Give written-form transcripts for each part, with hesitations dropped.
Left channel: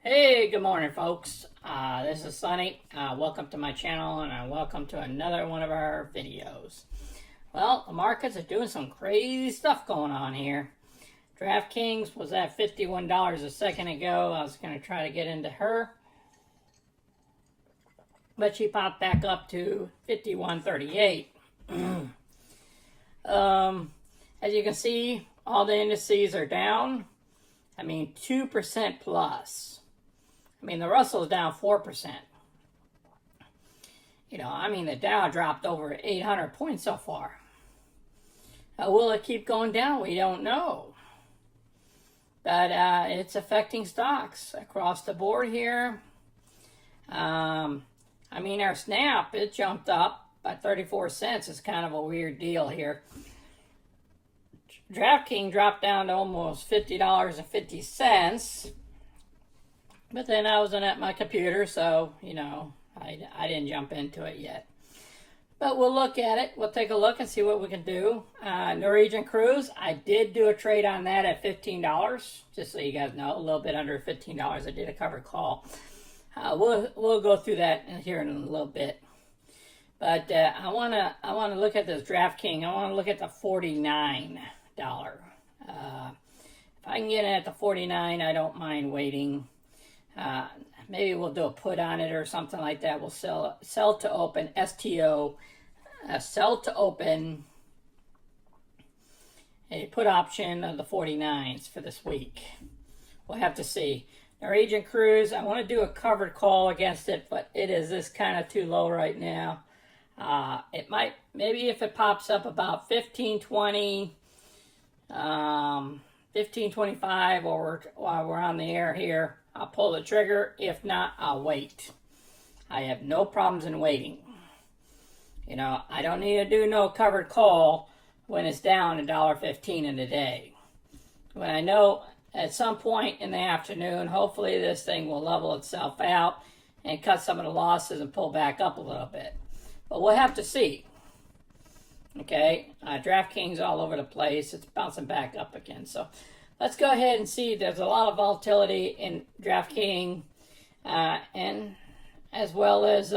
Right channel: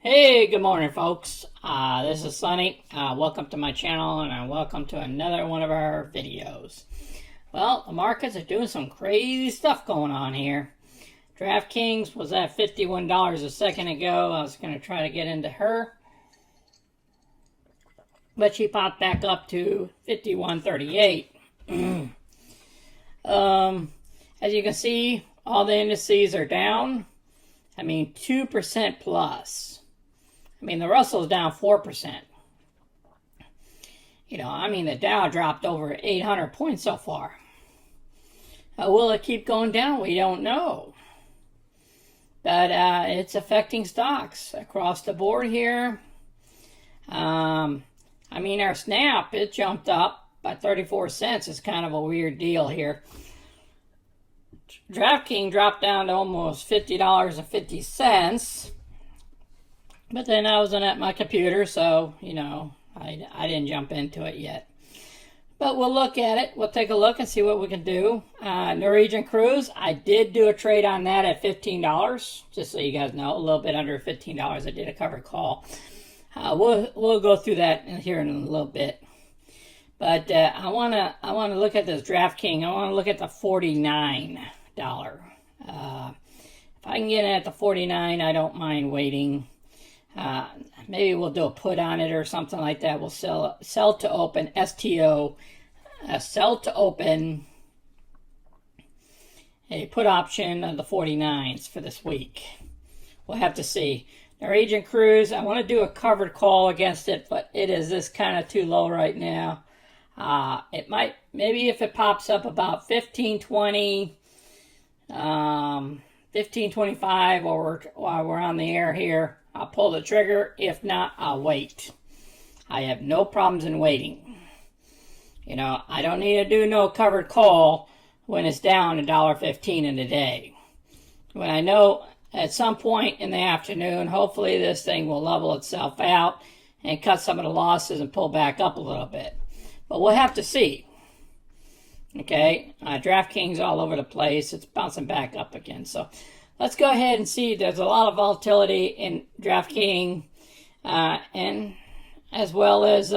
Hey, good morning, folks. This is Sonny. Welcome to my channel, and welcome to another one of our videos. Well, the markets are doing some crazy stuff going on here. DraftKings was at $51 a second ago. I was going to try to get into her, but she popped back up to $51.38. As you can see, all the indices are down. 2% plus. The Russell's down 4%. The Dow dropped over 800 points so far. Will it keep going down? We don't know. But it's affecting stocks across the board here. Our Snap, it jumped up by 34 cents. It's kind of a weird deal here. DraftKings dropped down to almost $50.50. But then I wasn't at my computer, so, I didn't jump into it yet. But we'll look at it. We'll take a look and see what we can do. Norwegian Cruise, I did do a trade on that at $15. Just so you guys know, a little bit under $15. I did a covered call. We'll go through that here in a little bit. But I wanna look at this DraftKings. I want to look at the $49. If I can get it at the $49, I don't mind waiting. Maybe we'll do a put on it or something like that. We'll sell to open, STO, sell to open, a put option of the 49s for this week. We'll have to see. Norwegian Cruise, I want to do a covered call against it, but it is this kind of too low right now. It might, maybe if it pops up about 15.20, 15.25 while we're on the air here, I'll pull the trigger. If not, I'll wait. I have no problems in waiting. I don't need to do no covered call when it's down $1.15 in a day. When I know at some point in the afternoon, hopefully this thing will level itself out and cut some of the losses and pull back up a little bit. But we'll have to see. Okay, DraftKings all over the place. It's bouncing back up again. So let's go ahead and see. There's a lot of volatility in DraftKings and as well as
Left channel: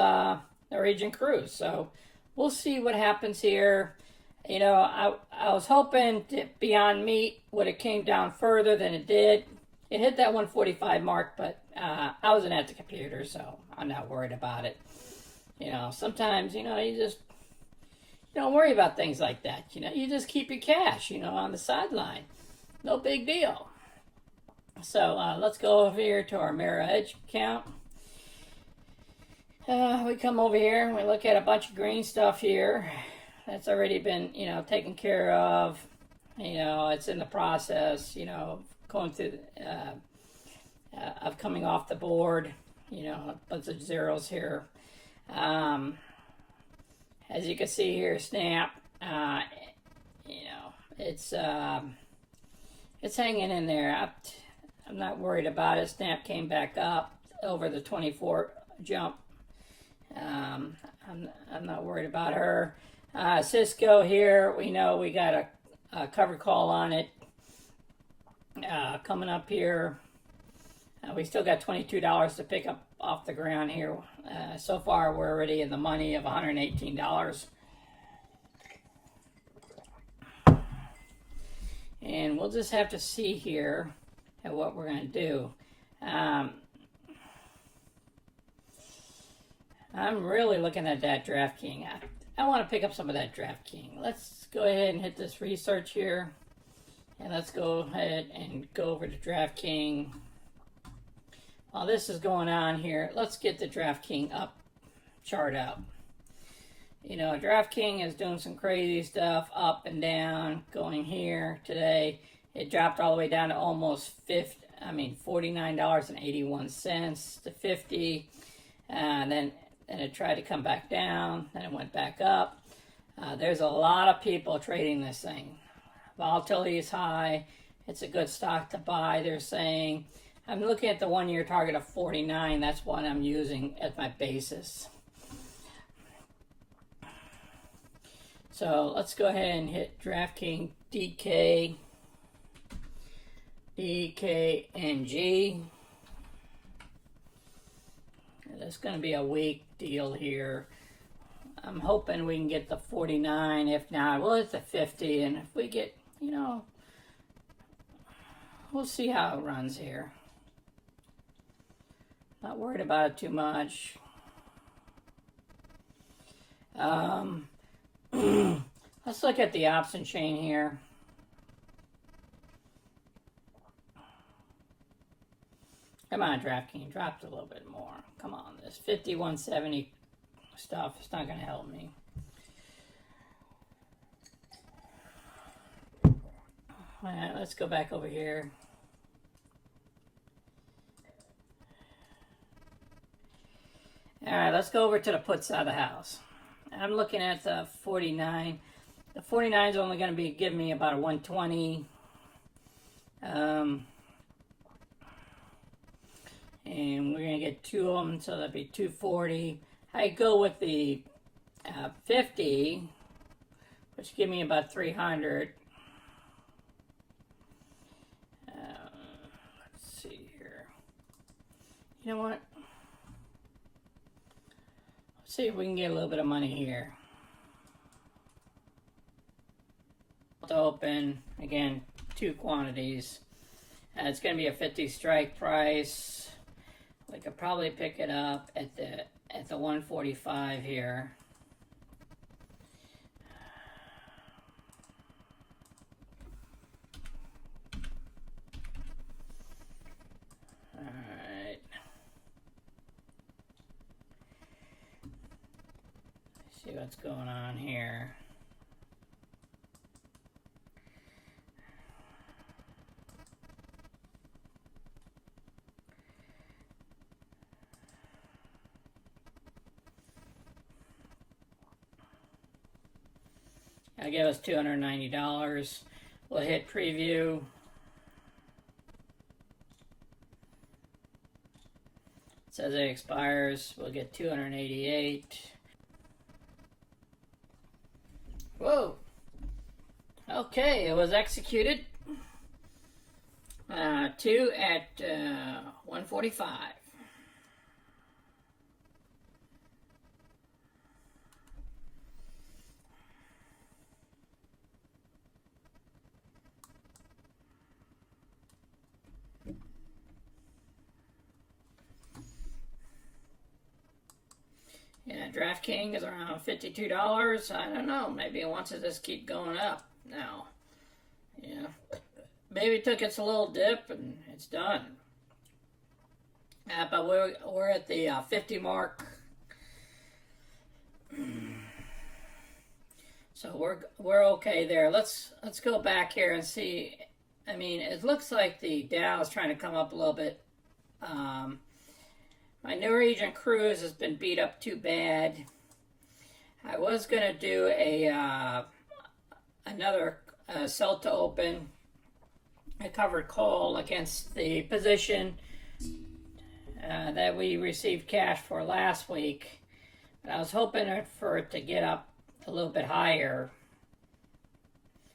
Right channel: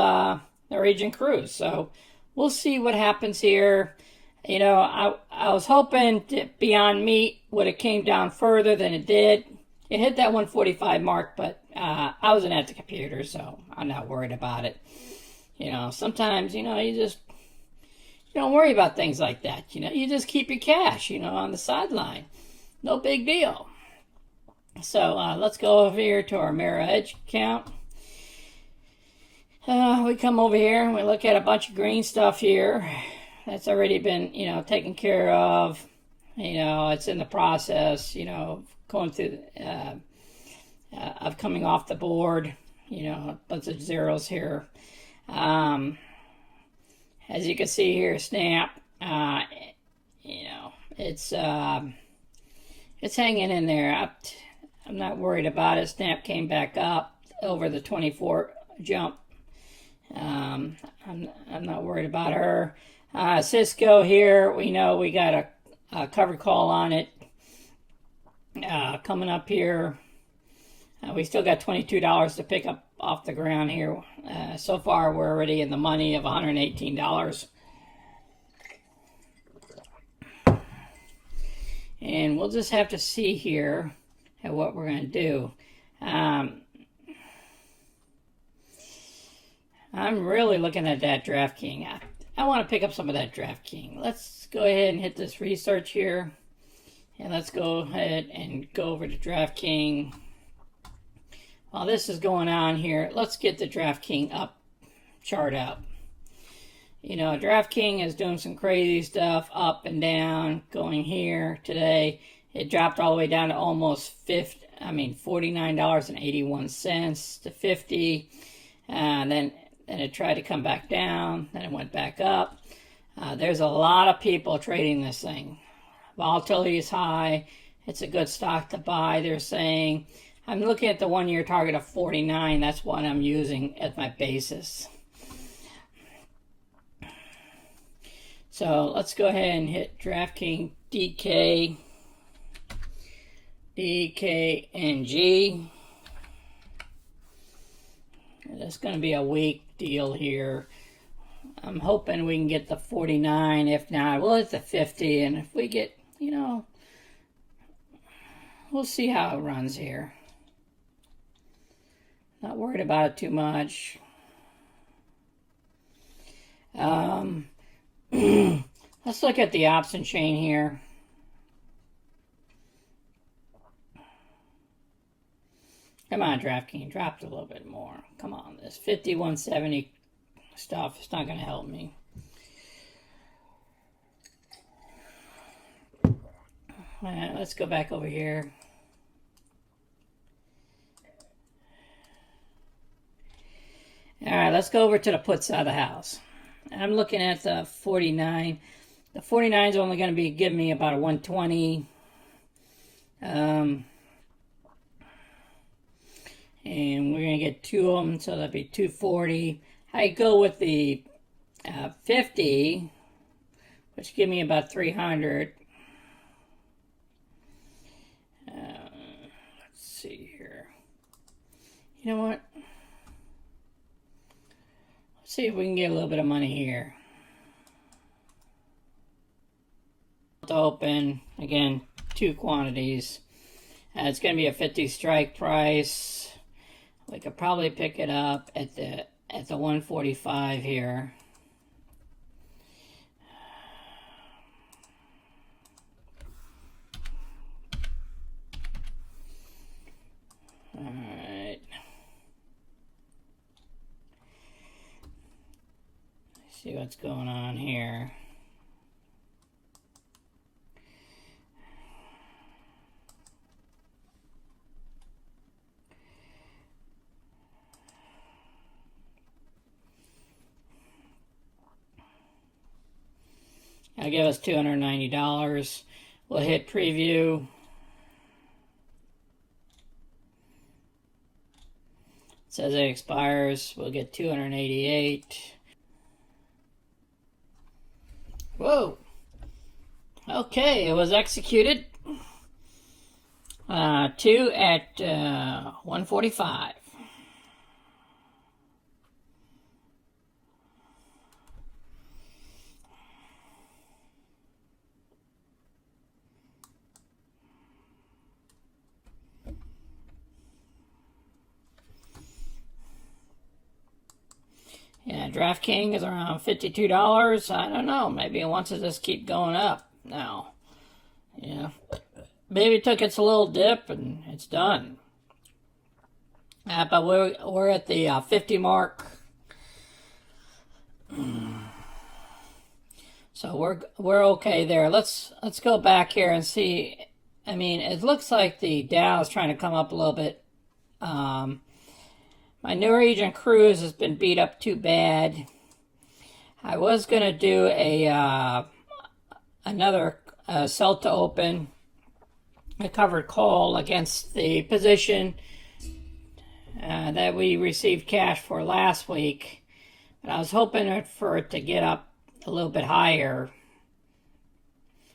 Norwegian Cruise. So we'll see what happens here. I was hoping Beyond Meat would have came down further than it did. It hit that 145 mark, but I wasn't at the computer, so I'm not worried about it. Sometimes, you just don't worry about things like that. You just keep your cash, on the sideline. No big deal. So let's go over here to our Merrill Edge account. We come over here and we look at a bunch of green stuff here. That's already been, taken care of. It's in the process, going through, of coming off the board. A bunch of zeros here. As you can see here, Snap, it's hanging in there. I'm not worried about it. Snap came back up over the 24 jump. I'm not worried about her. Cisco here, we know we got a covered call on it coming up here. We still got $22 to pick up off the ground here. So far, we're already in the money of $118. And we'll just have to see here at what we're going to do. I'm really looking at that DraftKings. I want to pick up some of that DraftKings. Let's go ahead and hit this research here. And let's go ahead and go over to DraftKings. While this is going on here, let's get the DraftKings up chart up. DraftKings is doing some crazy stuff up and down, going here today. It dropped all the way down to almost $49.81 to $50. Then it tried to come back down. Then it went back up. There's a lot of people trading this thing. Volatility is high. It's a good stock to buy, they're saying. I'm looking at the 1 year target of 49. That's what I'm using as my basis. So let's go ahead and hit DraftKings DKNG. it's going to be a weak deal here. I'm hoping we can get the 49. If not, we'll hit the 50. And if we get, you know, we'll see how it runs here. Not worried about it too much. Let's look at the option chain here. Come on, DraftKings, drop it a little bit more. Come on, this 5170 stuff, it's not going to help me. All right, let's go back over here. All right, let's go over to the put side of the house. I'm looking at the 49. The 49 is only going to be giving me about a 120. And we're going to get two of them, so that'd be 240. I go with the 50, which give me about 300. Let's see here. You know what? Let's see if we can get a little bit of money here. To open, again, two quantities. It's going to be a 50 strike price. We could probably pick it up at the 145 here. All right. Let's see what's going on here. That'll give us $290. We'll hit preview. It says it expires. We'll get 288. Whoa. Okay, it was executed. 2 at 145. Yeah, DraftKings is around $52. I don't know. Maybe it wants to just keep going up now. Yeah. Maybe it took its a little dip and it's done. But we're at the 50 mark. So we're okay there. Let's go back here and see. I mean, it looks like the Dow is trying to come up a little bit. My Norwegian cruise has been beat up too bad. I was going to do another sell to open. I covered call against the position that we received cash for last week. But I was hoping for it to get up a little bit higher.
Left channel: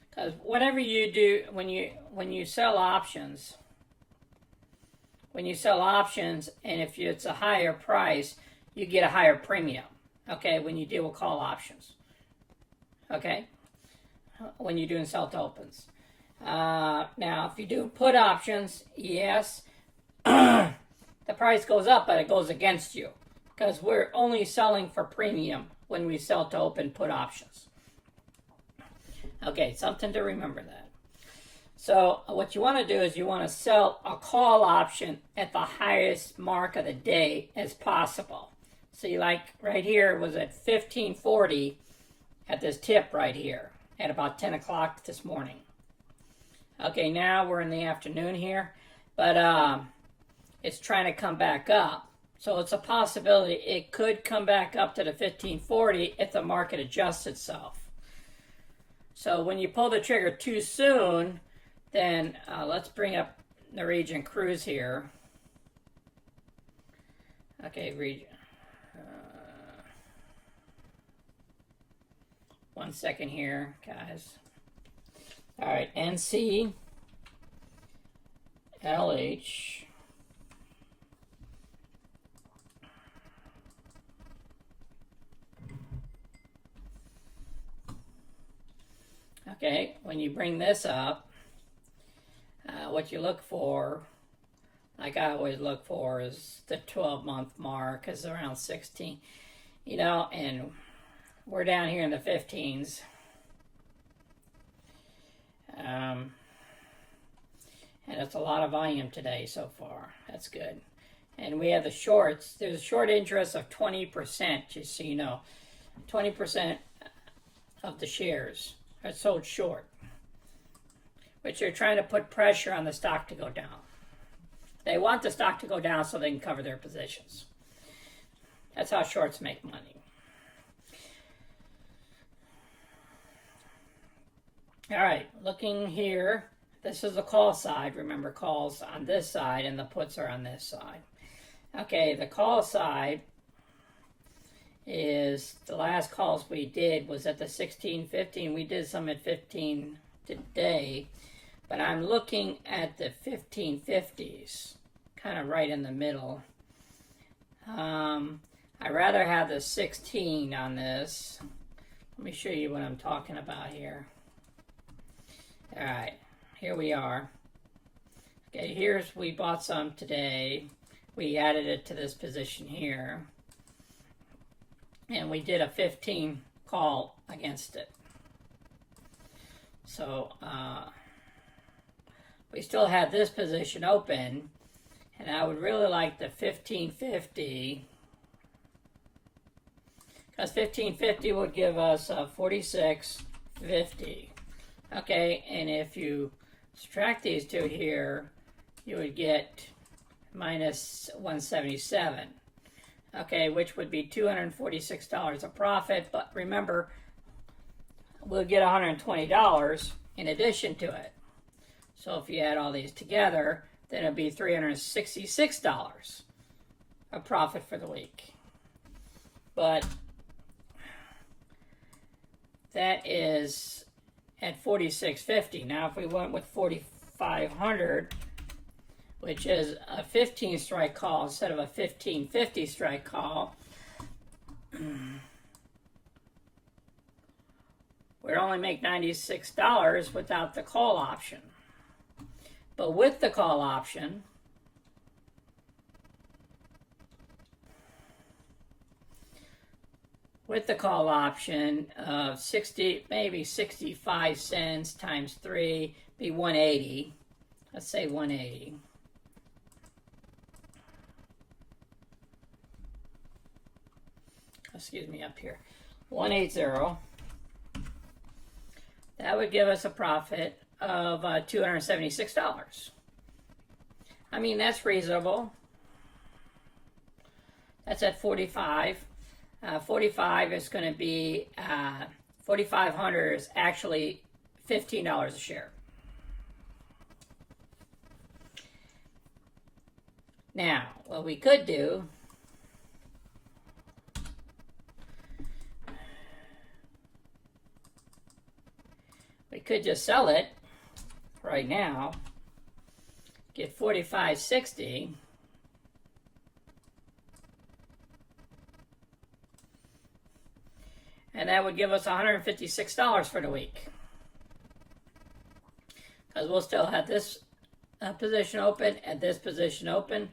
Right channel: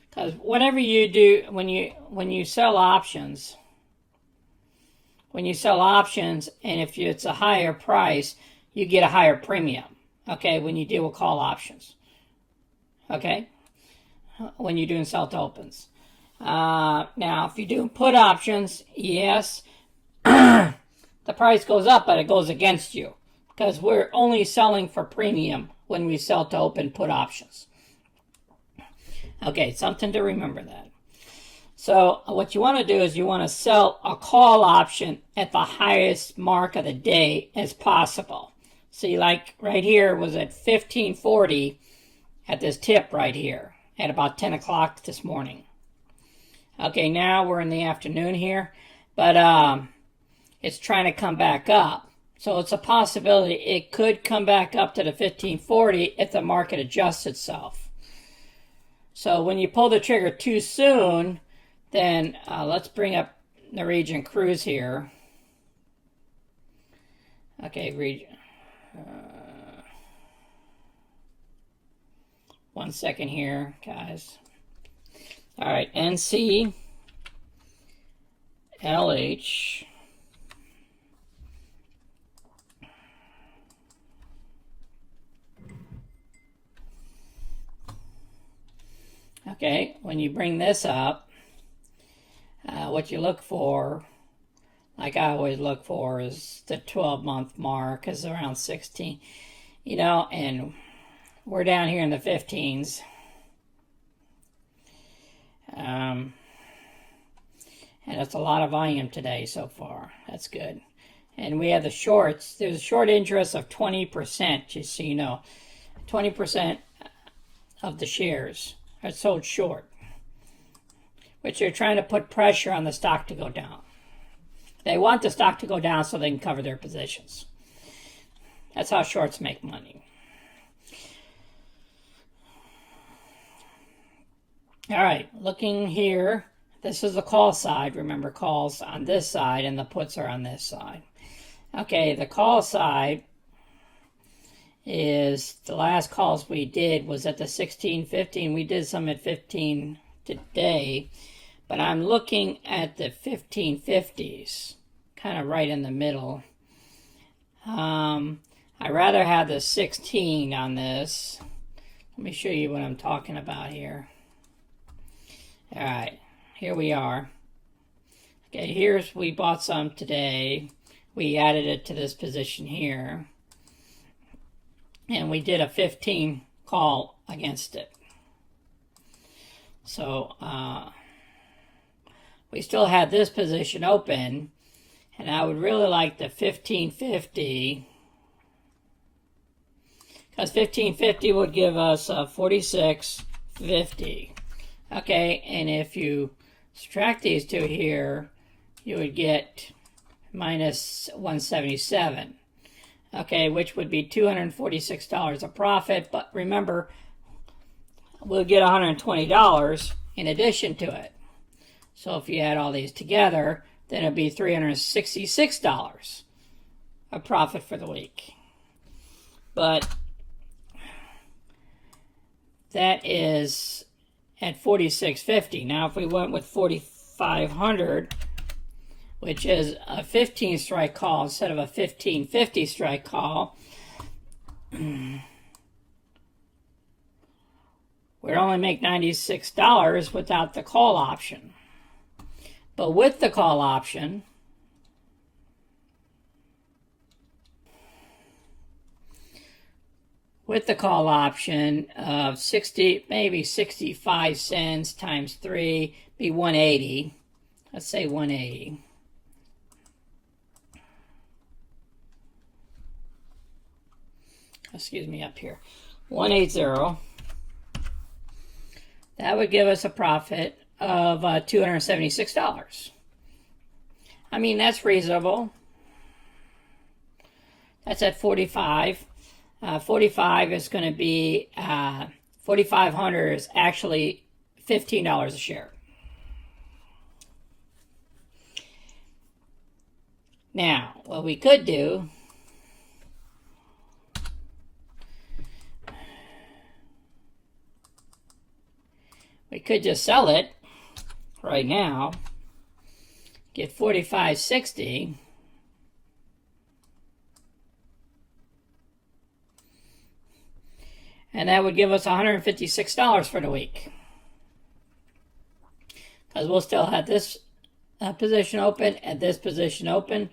Because whatever you do, when you sell options, and if it's a higher price, you get a higher premium, okay, when you deal with call options, okay, when you're doing sell to opens. Now, if you're doing put options, yes, the price goes up, but it goes against you, because we're only selling for premium when we sell to open put options. Okay, something to remember that. So what you want to do is you want to sell a call option at the highest mark of the day as possible. See, like right here was at 1540 at this tip right here at about 10 o'clock this morning. Okay, now we're in the afternoon here, but it's trying to come back up. So it's a possibility it could come back up to the 1540 if the market adjusts itself. So when you pull the trigger too soon, then let's bring up the Norwegian cruise here. Okay, 1 second here, guys. All right, NCLH Okay, when you bring this up, what you look for, like I always look for, is the 12-month mark, is around 16, and we're down here in the 15s. And it's a lot of volume today so far. That's good. And we have the shorts. There's a short interest of 20%, just so you know. 20% of the shares are sold short, which they're trying to put pressure on the stock to go down. They want the stock to go down so they can cover their positions. That's how shorts make money. All right, looking here, this is the call side. Remember, calls on this side and the puts are on this side. Okay, the call side is the last calls we did was at the 16.15. We did some at 15 today, but I'm looking at the 15.50s, kind of right in the middle. I rather have the 16 on this. Let me show you what I'm talking about here. All right, here we are. Okay, here's, we bought some today. We added it to this position here. And we did a 15 call against it. So, we still had this position open. And I would really like the 15.50. Because 15.50 would give us a 46.50. Okay, and if you subtract these two here, you would get minus 177. Okay, which would be $246 a profit. But remember, we'll get $120 in addition to it. So if you add all these together, then it'd be $366 a profit for the week. But that is at 46.50. Now, if we went with 4,500, which is a 15 strike call instead of a 15.50 strike call, we'd only make $96 without the call option. But with the call option, of 60, maybe 65 cents times 3, be 180. Let's say 180. Excuse me, up here. 180. That would give us a profit of $276. I mean, that's reasonable. That's at 45. 45 is going to be 4,500 is actually $15 a share. Now, what we could do, we could just sell it right now, get 45.60. And that would give us $156 for the week. Because we'll still have this position open and this position open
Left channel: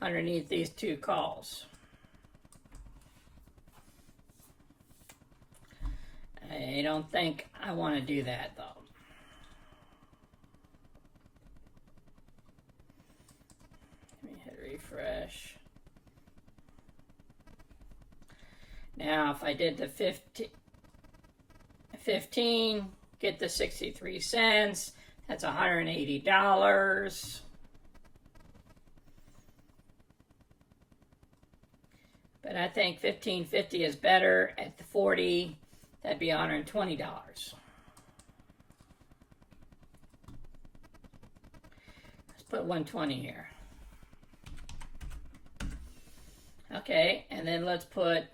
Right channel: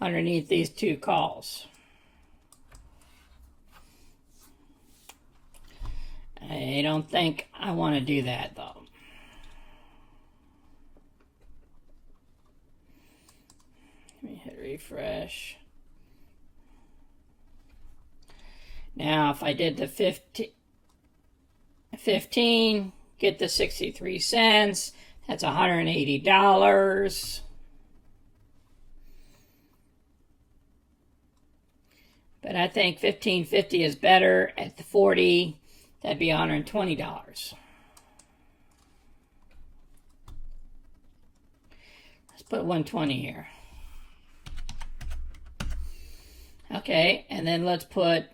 underneath these two calls. I don't think I want to do that, though. Let me hit refresh. Now, if I did the 15, get the 63 cents, that's $180. But I think 15.50 is better. At the 40, that'd be $120. Let's put 120 here. Okay, and then let's put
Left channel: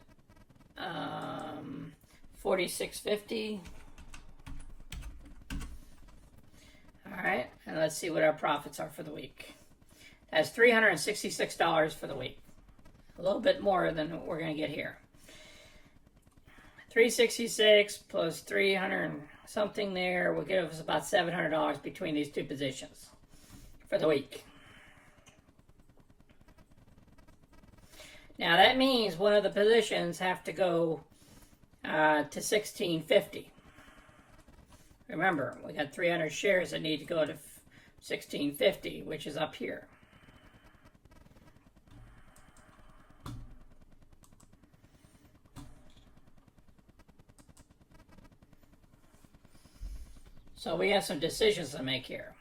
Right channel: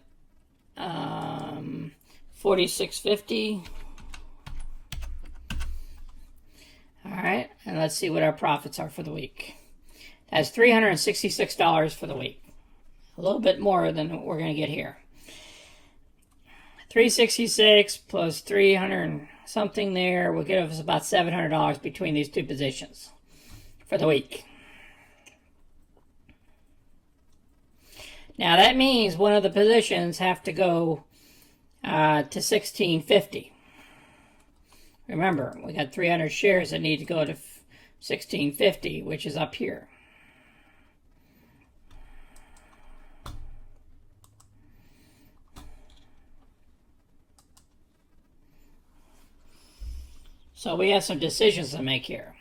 46.50. All right, and let's see what our profits are for the week. That's $366 for the week. A little bit more than what we're going to get here. 366 plus 300. something there will give us about $700 between these two positions for the week. Now that means one of the positions have to go to 1650. Remember, we got 300 shares that need to go to 1650, which is up here. So we have some decisions to make here.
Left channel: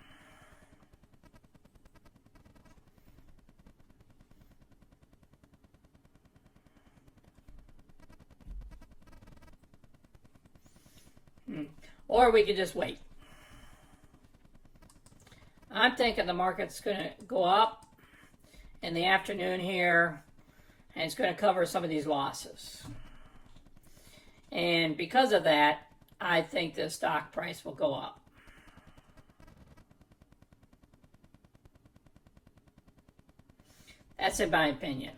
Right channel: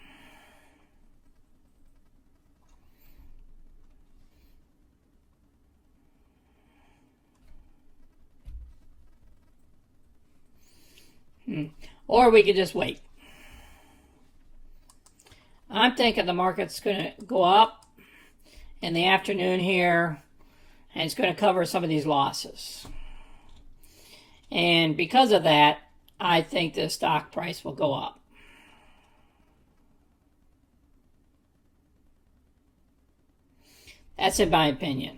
Or we could just wait. I'm thinking the market's going to go up in the afternoon here, and it's going to cover some of these losses. And because of that, I think the stock price will go up. That's in my opinion.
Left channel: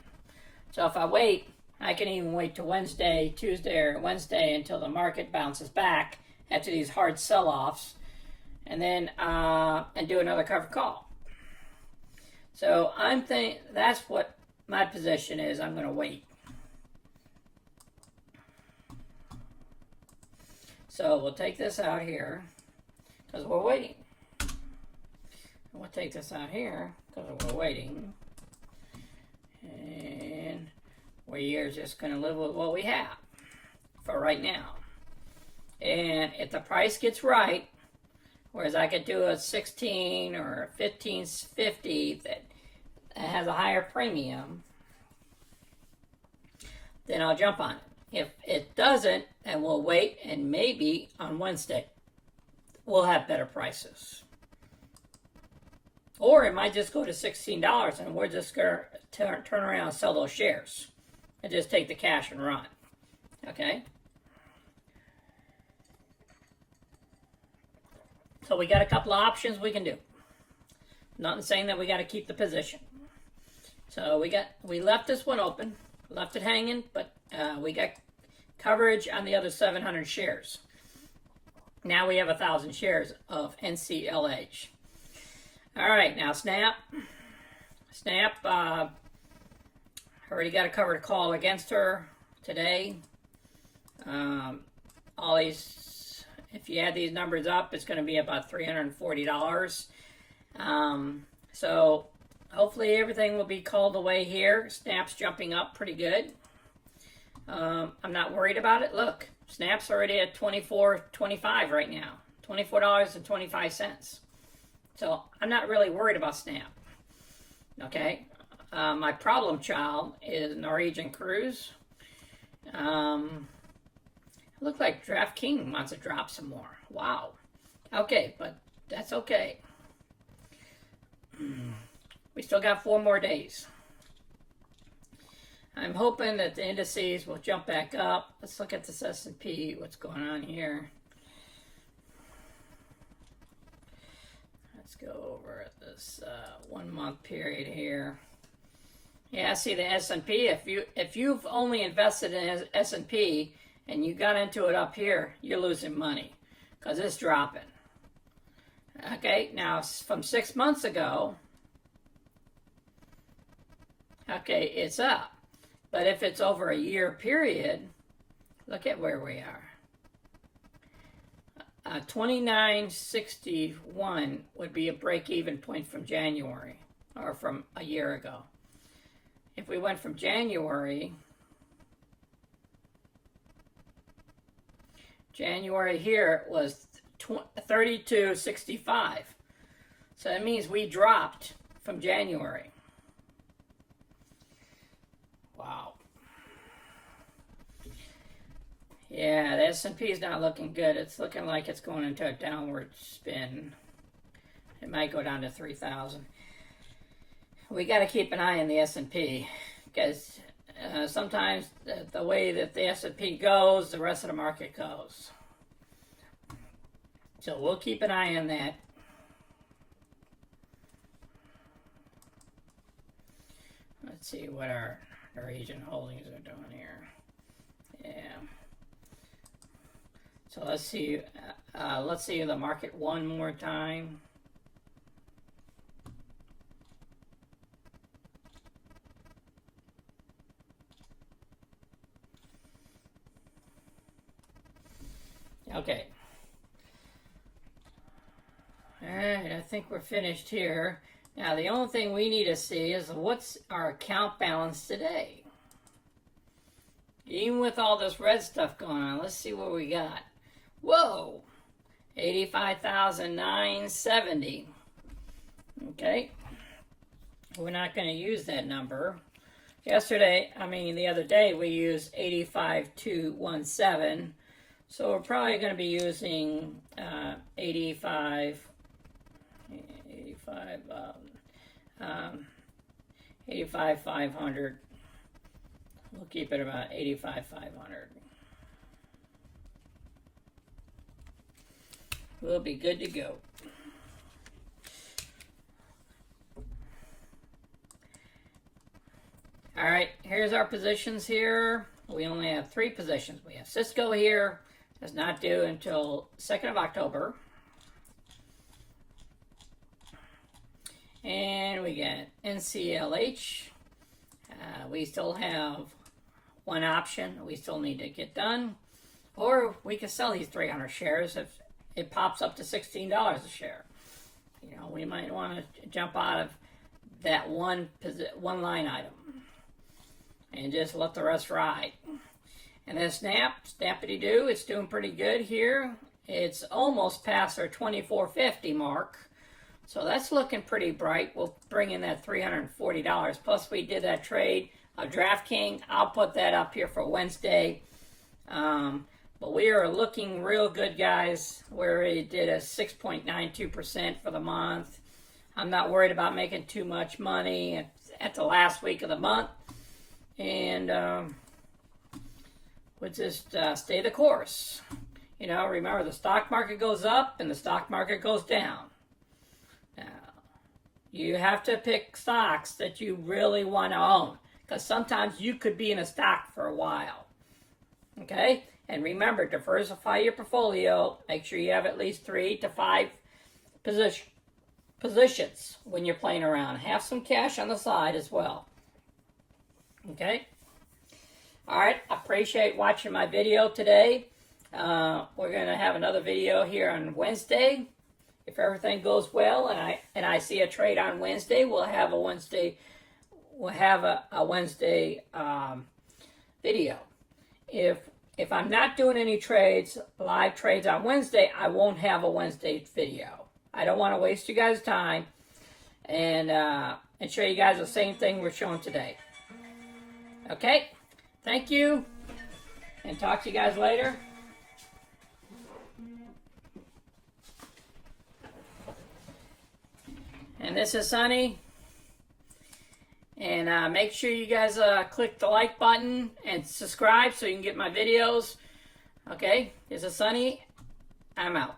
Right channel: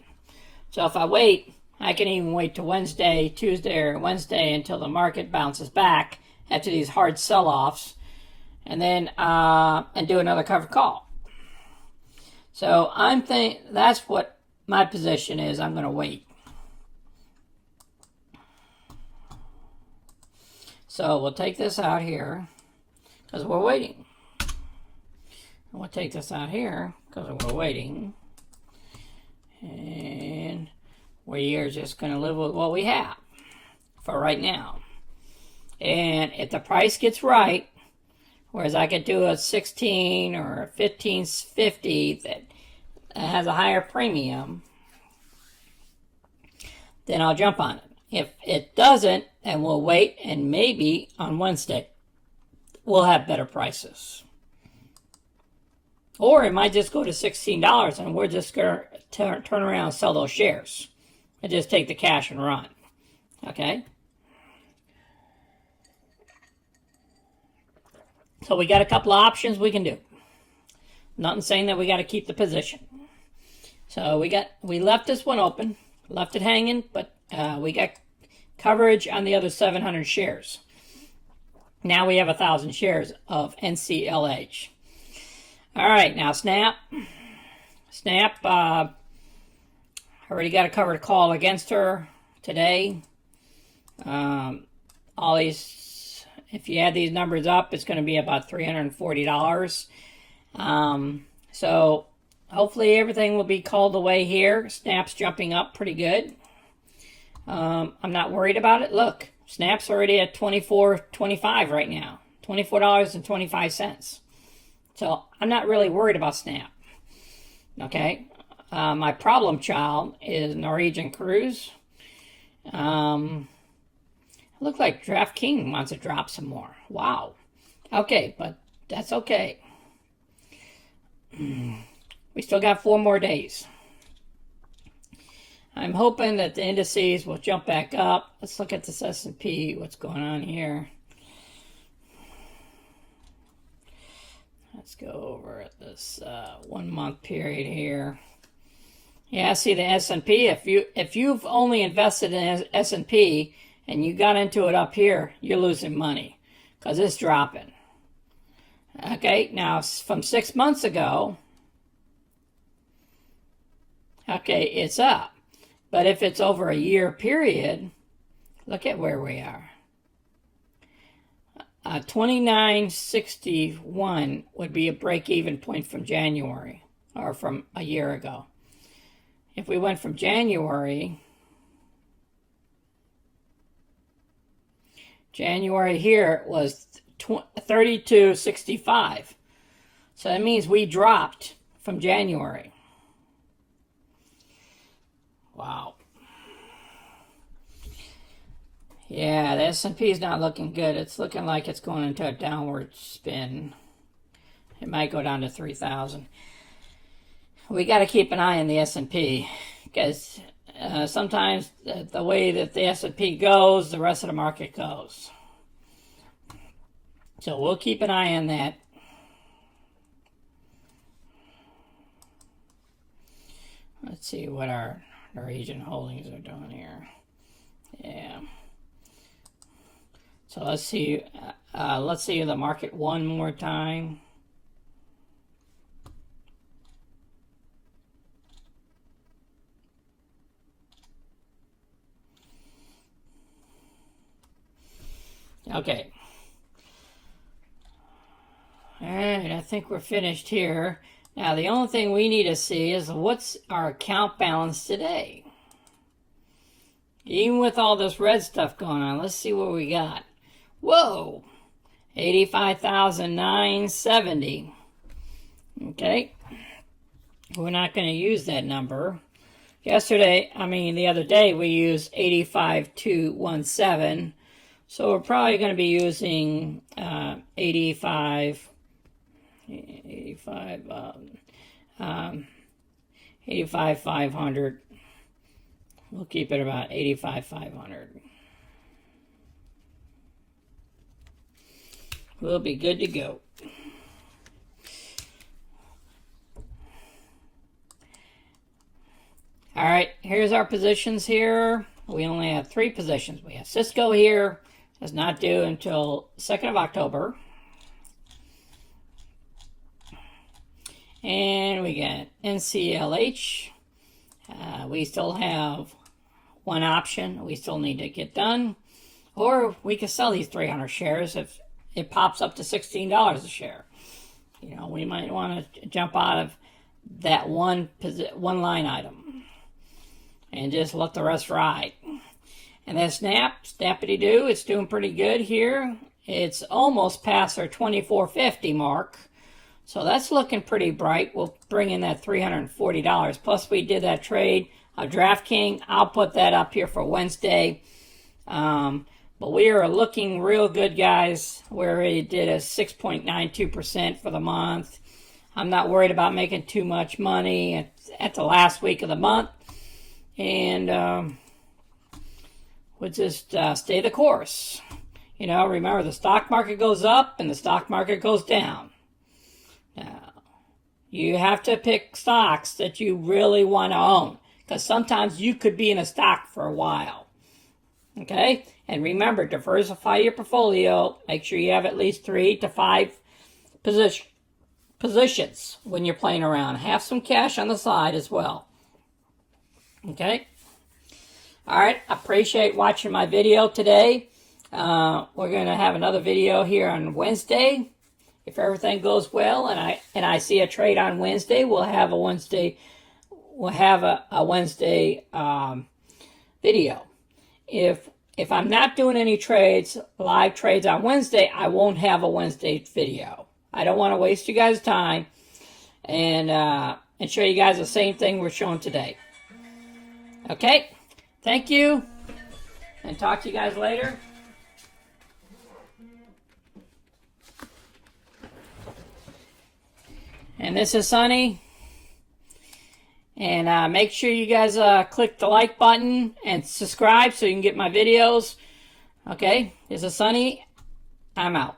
So if I wait, I can even wait to Wednesday, Tuesday, or Wednesday until the market bounces back after these hard sell-offs, and then and do another covered call. So that's what my position is. I'm going to wait. So we'll take this out here because we're waiting. We'll take this out here because we're waiting. And we are just going to live with what we have for right now. And if the price gets right, whereas I could do a 16 or 15.50 that has a higher premium, then I'll jump on it. If it doesn't, then we'll wait, and maybe on Wednesday we'll have better prices. Or it might just go to $16 and we're just going to turn around and sell those shares and just take the cash and run. Okay? So we got a couple of options we can do. Nothing saying that we got to keep the position. So we left this one open, left it hanging, but we got coverage on the other 700 shares. Now we have 1,000 shares of NCLH. All right, now Snap. Snap, already got a covered call against her today. All these, if you add these numbers up, it's going to be about $340. So hopefully everything will be called away here. Snap's jumping up pretty good. I'm not worried about it. Look, Snap's already at $24.25 right now. $24.25. So I'm not really worried about Snap. Okay? My problem child is Norwegian Cruise. Look like DraftKings wants to drop some more. Wow. Okay, but that's okay. We still got 4 more days. I'm hoping that the indices will jump back up. Let's look at this S&P. What's going on here? Let's go over at this 1 month period here. Yeah, see the S&P. If you've only invested in S&P and you got into it up here, you're losing money because it's dropping. Okay, now from 6 months ago, okay, it's up. But if it's over a year period, look at where we are. 29.61 would be a break-even point from January, or from a year ago. If we went from January here was 32.65. So that means we dropped from January. Wow. Yeah, the S&P is not looking good. It's looking like it's going into a downward spin. It might go down to 3,000. We got to keep an eye on the S&P because sometimes the way that the S&P goes, the rest of the market goes. So we'll keep an eye on that. Let's see what our Norwegian holdings are doing here. Yeah. So let's see the market one more time. Okay. All right, I think we're finished here. Now, the only thing we need to see is what's our account balance today. Even with all this red stuff going on, let's see what we got. Whoa, 85,970. Okay, we're not going to use that number. The other day we used 85,217. So we're probably going to be using 85,500. We'll keep it about 85,500. We'll be good to go. All right, here's our positions here. We only have 3 positions. We have Cisco here. It's not due until 2nd of October. And we got NCLH. We still have one option we still need to get done. Or we can sell these 300 shares if it pops up to $16 a share. You know, we might want to jump out of that one line item and just let the rest ride. And then snappity-doo, it's doing pretty good here. It's almost past our 24.50 mark. So that's looking pretty bright. We'll bring in that $340. Plus we did that trade of DraftKings. I'll put that up here for Wednesday. But we are looking real good, guys. We already did a 6.92% for the month. I'm not worried about making too much money at the last week of the month. And we'll just stay the course. You know, remember the stock market goes up and the stock market goes down. Now, you have to pick stocks that you really want to own, because sometimes you could be in a stock for a while. Okay? And remember, diversify your portfolio. Make sure you have at least 3 to 5 positions when you're playing around. Have some cash on the side as well. Okay? All right, I appreciate watching my video today. We're going to have another video here on Wednesday. If everything goes well and I see a trade on Wednesday, we'll have a Wednesday video. If I'm not doing any live trades on Wednesday, I won't have a Wednesday video. I don't want to waste you guys' time and show you guys the same thing we're showing today. Okay? Thank you, and talk to you guys later. And this is Sonny. And make sure you guys click the like button and subscribe so you can get my videos. Okay, this is Sonny. I'm out.